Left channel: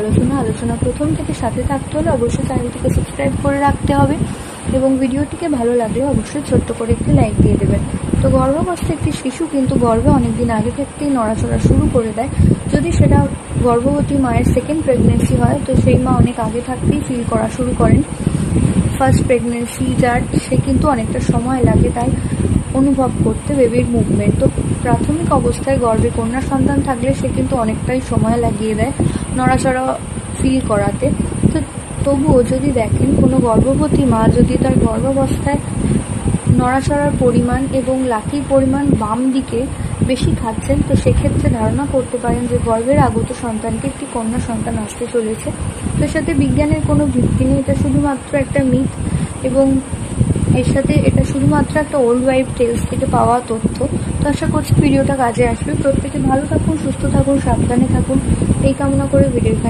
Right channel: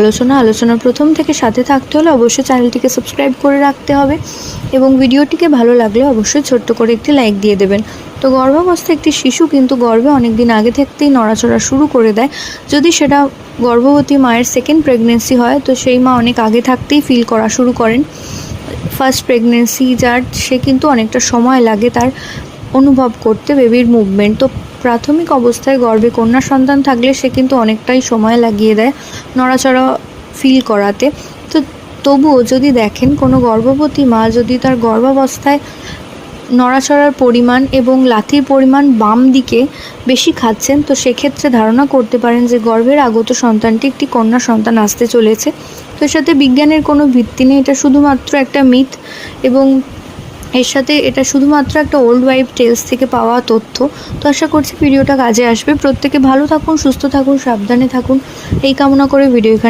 আলোচনার প্রথম থেকে সাথে থাকতে হলে অবশ্যই চ্যানেলটিকে সাবস্ক্রাইব করে রাখতে হবে এবং ভিডিওটিকে ভালো লাগলে অবশ্যই ছোট্ট করে একটি লাইক দিয়ে দেবেন। তো গর্ভাবস্থায় একটি শিশু কিন্তু গর্ভে অনেক দিন আগে থেকেই নড়াচড়া শুরু করে দেয়। যদি সেটা গর্ভবতী মায়ের সেকেন্ড প্রেগনেন্সি হয় তো সেই মা অনেক আগে থাকতেই ফিল করা শুরু করেন। ফার্স্ট প্রেগনেন্সি যার সে কিন্তু অনেকটা সময় লাগে তার অনুভব করতে বেবির মুভমেন্ট। তো প্রাথমিক অবস্থায় গর্ভে কন্যা সন্তান থাকলে সে কিন্তু অনেকটাই সময় লাগিয়ে দেয় নড়াচড়া ফিল করাতে। তো তবুও যদি দেখেন কোনো গর্ভবতী মা যদি তার গর্ভাবস্থায় নড়াচড়ার পরিমাণ এবং লাথির পরিমাণ বাম দিকে বেশি খাচ্ছেন, তো সেক্ষেত্রে ধারণা করতে পারেন যে গর্ভের আগত সন্তানটি একটি কন্যা সন্তান আসতে চলেছে। তো এর সাথে বিজ্ঞানের কোনো ভিত্তি নেই, এটা শুধুমাত্র একটা মিথ এবং এর সাথে এটা শুধুমাত্র একটা ওল্ড ওয়াইফ টেলস থেকে পাওয়া তথ্য। তো আশা করছি ভিডিওটা কাজে আসবে। প্রত্যেকে ভালো থাকুন, সুস্থ থাকুন, সাবধানে থাকুন এই কামনা করে ভিডিও এখানে